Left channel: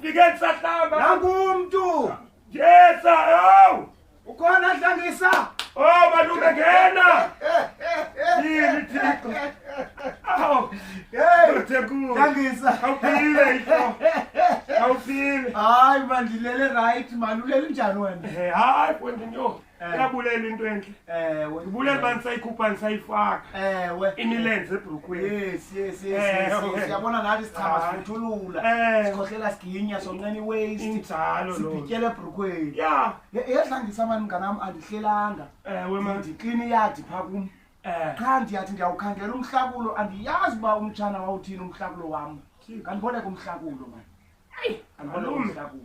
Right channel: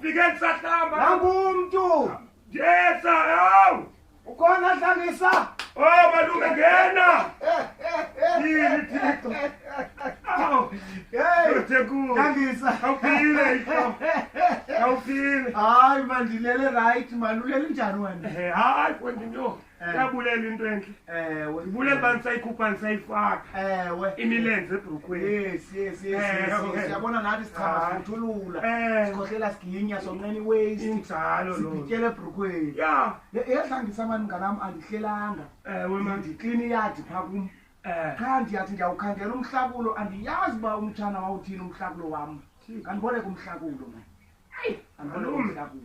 ufike sahlamba nangumuntu yesa yo ukhona Dlangisa oh malume ngena yini thixo hey Thekulu Dlangisa awuphile yho awuphile hayi mandilele right man ulele njani wena hayi kwendinyo yabulela into enhle ewe ubulela bani sayikhupha nisayifaka ewe imilenze ebhrukweni yes siyabona nathi sichama sivuthulula sikhohlela siginya sonqeni waste injalo lo sibityele ebhrukweni ya Dlangisa mani mnganam andihlelanga ewe man ndiklini yadi pha kum cha ndiyathi ndiyawukhangela umhlakulo andiyazi uba umtshana wawuthini umhlakulo wam kandiboleka umhlakulo man andiboleka umhlakulo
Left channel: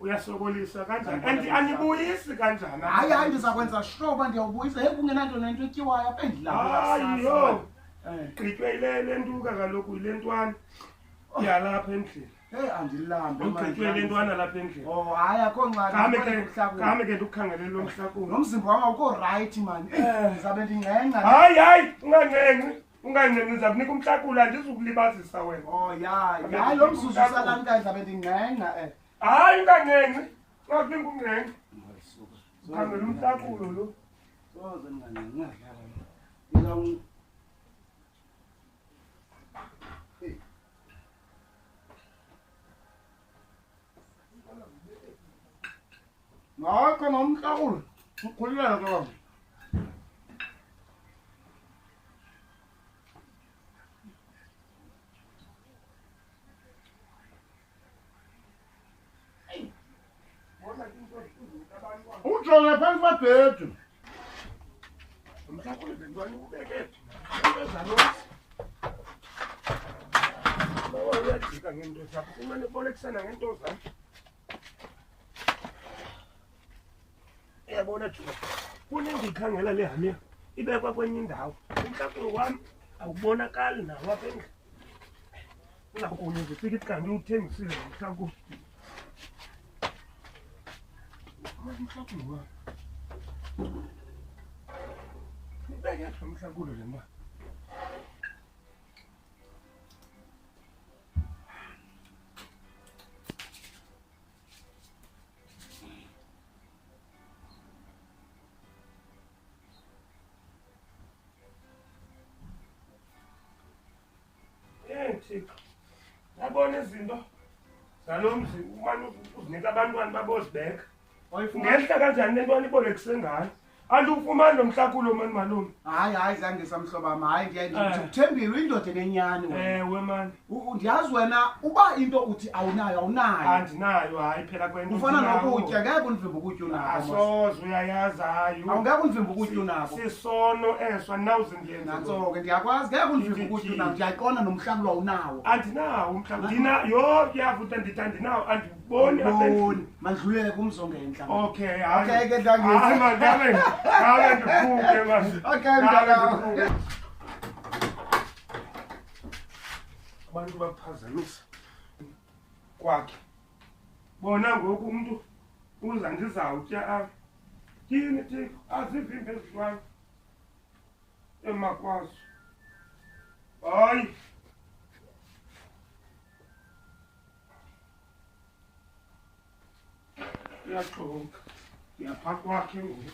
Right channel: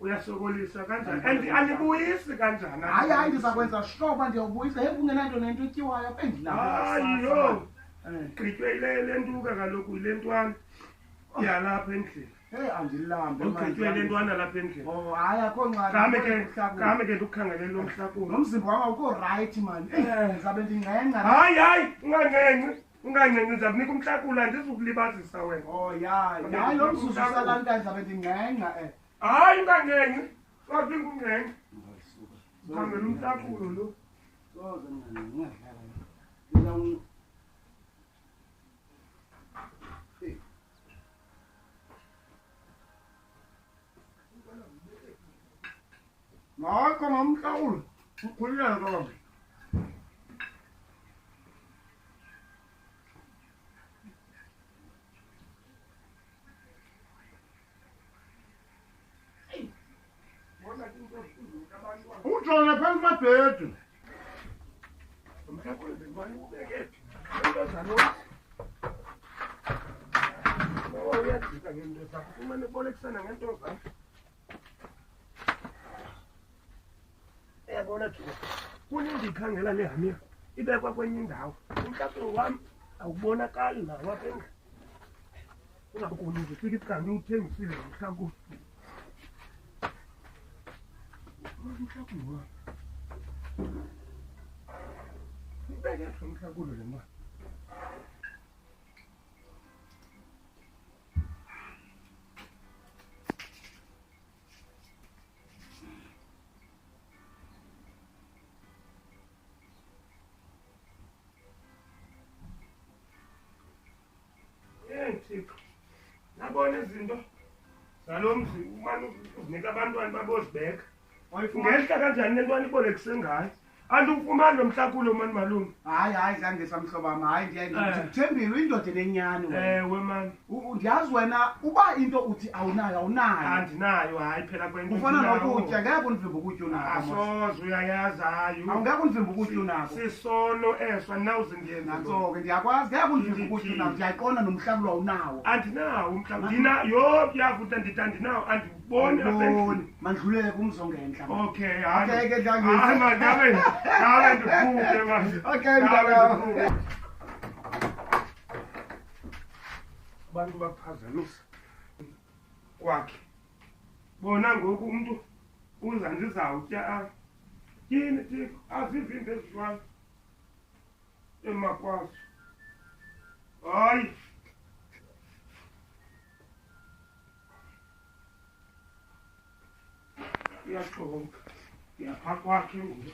uyasokolisa kanjani andibuyisi kanjani hayi ndizakwenza shoba ndiyawubuyisa he kungenanto nento etyiwayo apha hayiyo gqitywe le ntuka kaloku yile ntwana yalapha endlini andilambe ugqitywe le ntwana lapha endlini hayi akho ngxaki kame ke ndikukhangelele lo mhlakulo nomzimba wam awukho right man ndizabe ndingxengxa hayi ungancenci ndizakunika umhlakulo andizukulibazisa wena hayi lo mzuzu usalankayo ndizabe ndingxengxa hayi ungancenci ngaphinga ungcenci khangela umhlakulo lo soze ndingadlala hayi khona umhlakulo ukhululeka kama utshona phansi kwebhedu umhlakulo bentwana ubekephi uyajika ngento zakho umane ubolekisana ngento zakho yabona thina kunindikhangela le hamia ibekwa kwenye indawo umhlakulo wami awubonakali nawo apha endlini ungakuni zifika ithi kanti uthengisile umhlakulo umhlakulo wami ubekephi umhlakulo le mali yabona izinto zalo mzi umane uzinika abantwana babozibeka ngehla kanjani le ntwana ibolekise ngayo andiwufumani lo mhlakulo mani malume hayi Dlangisa mhlobo wam hayi ndikuthembile indoda enenyani wena ewe mani ndiyazi wena uba into uthi awunayo andinayo hayi phela kwento ufana nokutya ngeke undivimba ukutya unako asoze uyayazi hayi awungeke undivimba ukutya unako sisono eso andinawuze ndiyenze nantso-ke ndiyakwazi ngeke undivimba ukutya unako ndiyayiqonda nomhlakulo awunawo andinawo umhlakulo yo yavuta ndithi andinawo andiboni apendlini mandlulele kumzongentla okay ke Dlangisa Kabe ndiphuke manje. Okay mntaka. Abantu bakuphazamisa kwakhe. Bona ngoku umuntu uza ndizawutya yini thixo azivimbe ezizwayo emakwazo. Hayi. Uyaxoka. Yapha kwakhe ngoku.